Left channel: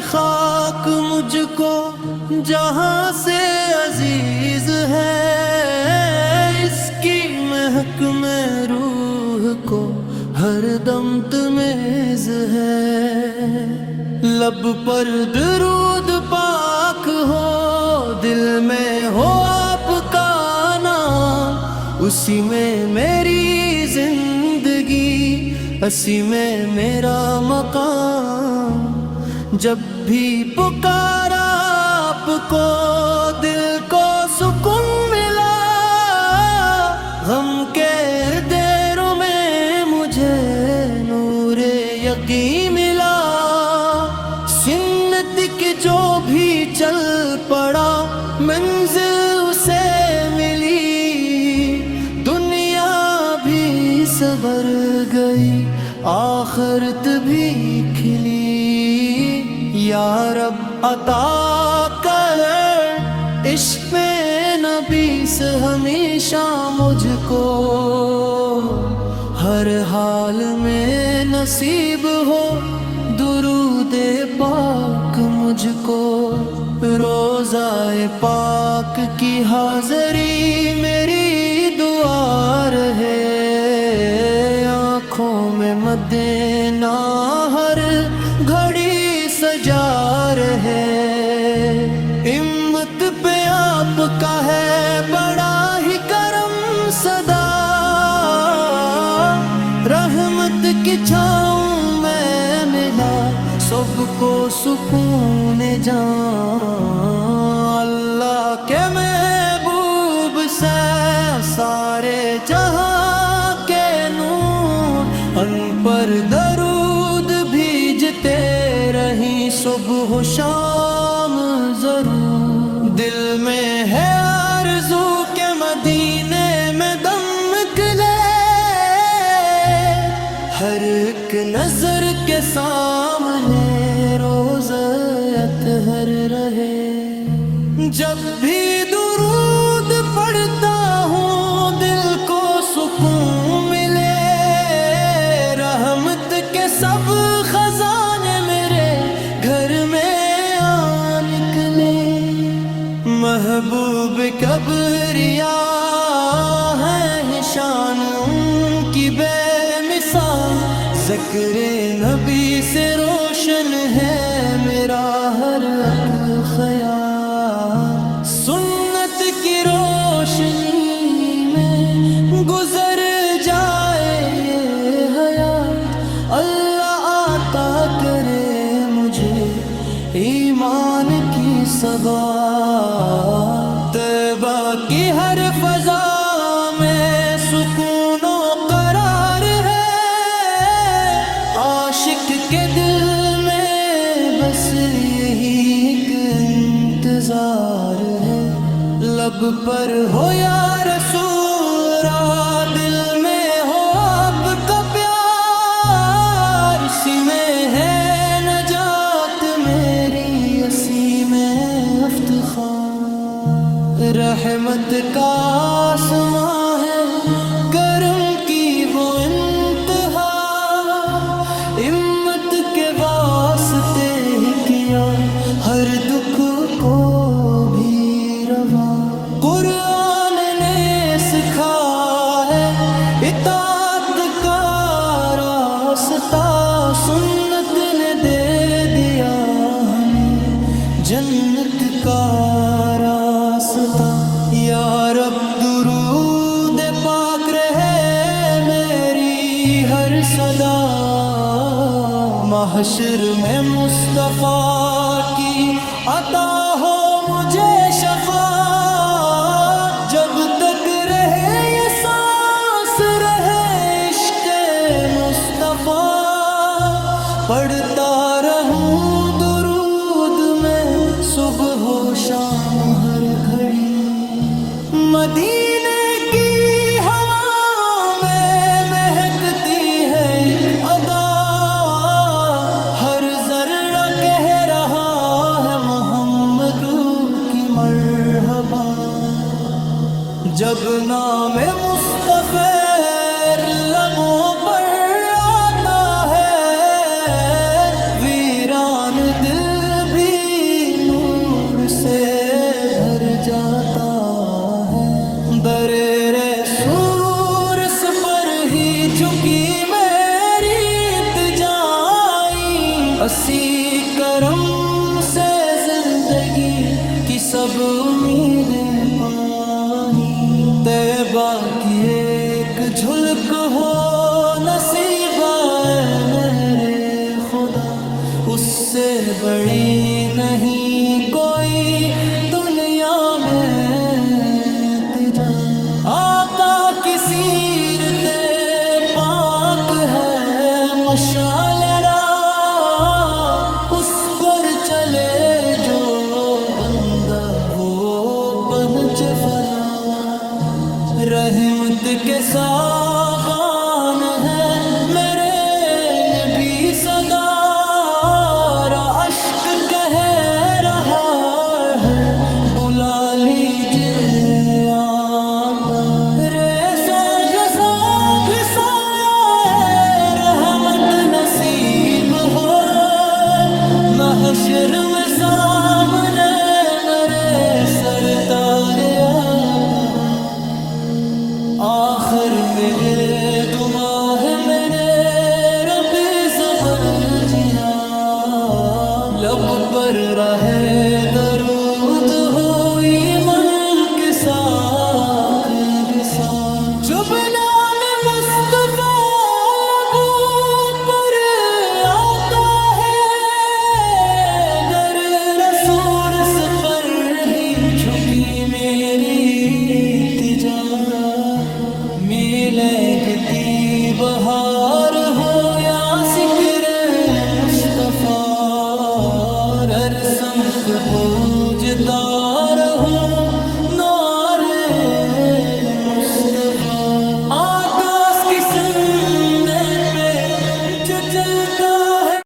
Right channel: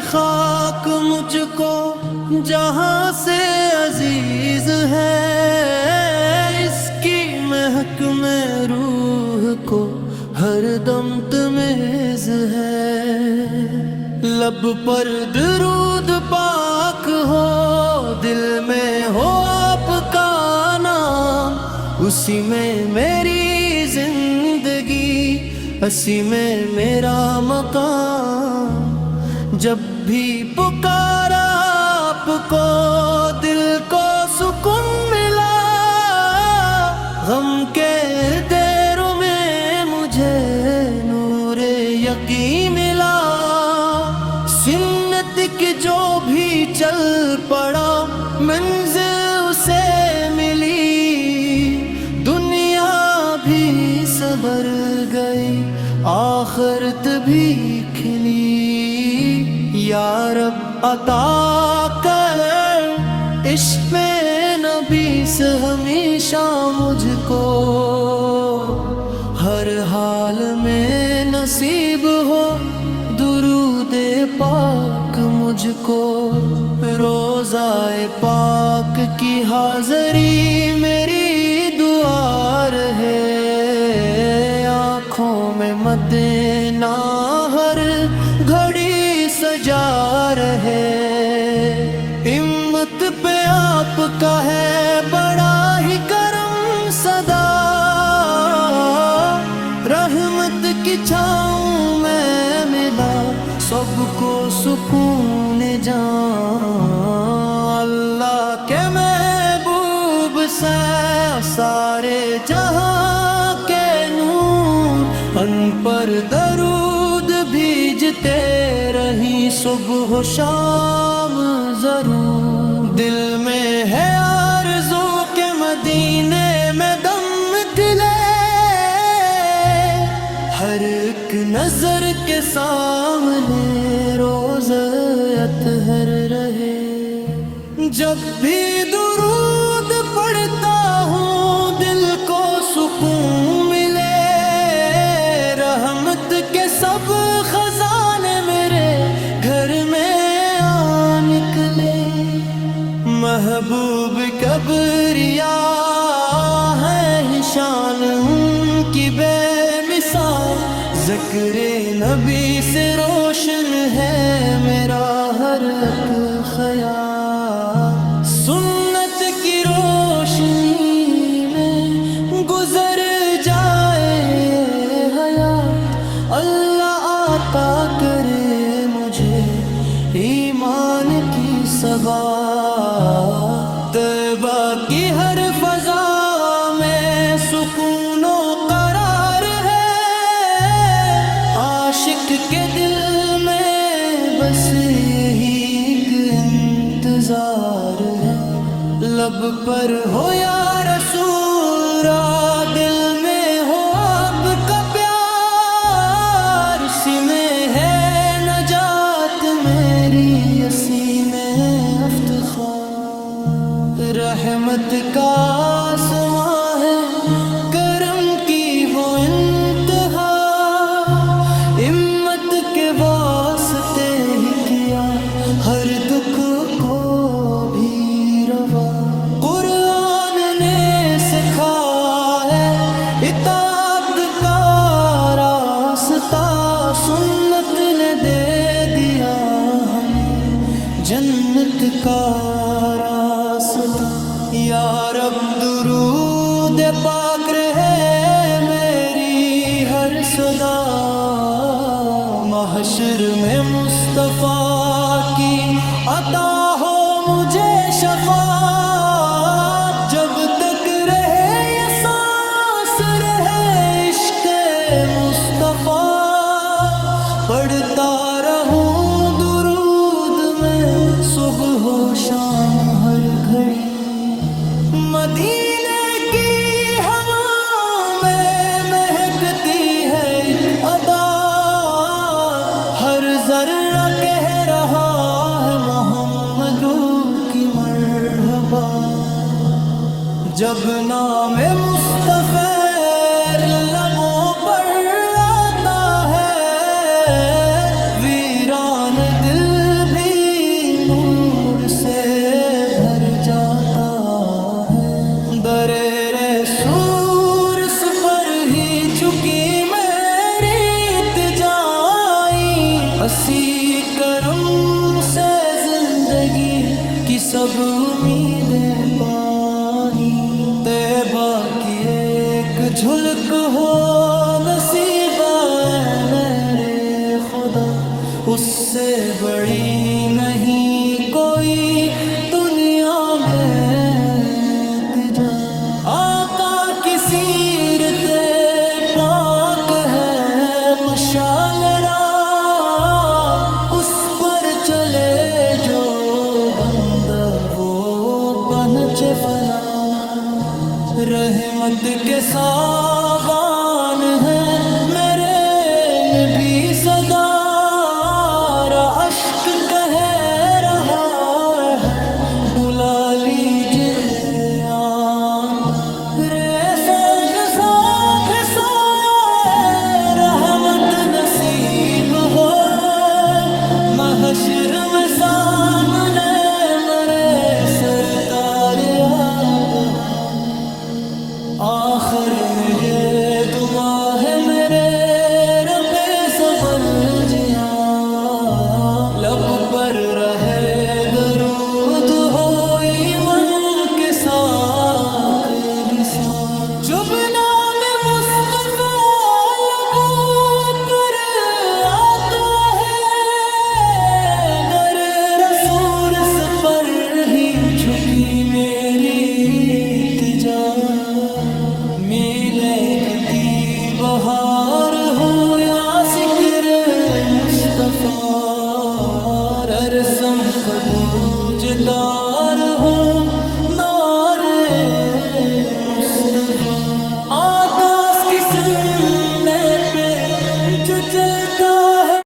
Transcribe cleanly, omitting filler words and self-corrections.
خاک مجھ کو جہاں سے عزیز ہے، اس کی مہک میں روح کو ہر دم تمیز ہے۔ لب پر درود پاک ہو، دل میں ہو آپ کا نام، اسی میں میری زندگی، اسی میں میرا مقام۔ جب بھی پکارا آپ کو دل کو سکون ملا، غم کے اندھیروں میں مجھے نور یقین ملا۔ سنت کی جو بھی چل پڑا منزل اسے ملی، دنیا بھی سنور گئی آخرت بھی کھلی۔ یا رب عطا کر عشق نبی سے ہمیشہ مجھ کو، ہر حال میں نصیب ہو درود پاک مجھ کو۔ روضہ پاک کی حاضری میری دعا رہے، آنکھوں میں مدینہ ہر گھڑی سجا رہے۔ ہمت پہ آپ کا ہے بڑا ہی کرم صدا، رحمت کی چھاؤں میں ملا سب کو سکون جان۔ اللہ کے محبوب سے سارے جہاں کے نور، ان پر درود بھیجتے رہیں صبح و شام ضرور۔ دل میں ہے آرزو کہ مدینے میں دم نکلے، ہر ایک نظر کے سامنے روز اطہر رہے۔ جب بھی درود پڑھتا ہوں دل کو سکون ملے، رحمت کے سب خزانے میرے گھر میں آ نکلے۔ محبوب کبریا ہے شان ان کی بے مثال، ذکر نبی سے روشن ہے میرا ہر ایک خیال۔ سنت کی روشنی میں گزر جائے یہ حیات، اللہ عطا کرے مجھے ایمان کی ثبات۔ طیبہ کی ہر فضا میں سکون و قرار ہے، عاشق کے دل میں بس یہی ایک انتظار ہے۔ لب پر ہو یا رسول، دل میں ہو آپ کا پیار، اسی میں ہے نجات میری، اسی میں افتخار۔ رحمت کا آسماں ہے کرم کی وہ انتہا، ہمت کے واسطے ہی کیا ہر دکھ کو بھی روا۔ قرآن نے سکھا ہے اطاعت کا راستہ، سنت نے دے دیا ہمیں جنت کا راستہ۔ یا رب درود پاک رہے میری ہر صدا، محشر میں مصطفیٰ کی عطا ہو مجھے شفاعت، جب تک رہے یہ سانس رہے عشق مصطفیٰ، پڑھتا رہوں درود میں صبح و شام ہر گھڑی۔ مدینے کی ہوا میں مہکتی ہے ایک ادا، ہر ذرہ کہہ رہا ہے محمد کی مرحبا۔ جب نام مصطفی لبوں پر آتا ہے، ویران دل بھی نور سے بھر جاتا ہے، در رسول اس پر ہی جھکی میری التجائی، اسی کرم سے زندگی کی سب امیدیں پائی، طیبہ کی ایک جھلک ہو نصیب اے میرے خدا، اس سے بڑی نہیں کوئی دنیا میں تجا، آقا کی سیرت پاک ہے مشعل راہ، اس پر چلے جو بندہ وہ پہنچ فلاح، رحمت کے سابان ہیں میرے نبی صدا، اشک کہہ رہا ہے بلا لیجئے آپ، ریسے کسا پھسایا ہے رحمت نصیب ہو، محشر میں سامنے مرے سرکار آپ ہو، آخر میں گے دعا ہے میرے رب زبر جیا، لب پر رہے درود ہو ایمان کے ساتھ بسا، جب نام مصطفیٰ لبوں پر آتا ہے، در رسول اس پر ہی جھکی میری التجا، میلے گتی بہار ہو یا ذکر مصطفیٰ، رسم کبوج تار ہوں نعرے مصطفیٰ، آتا اس کی سننے پہ جو چلتا ہے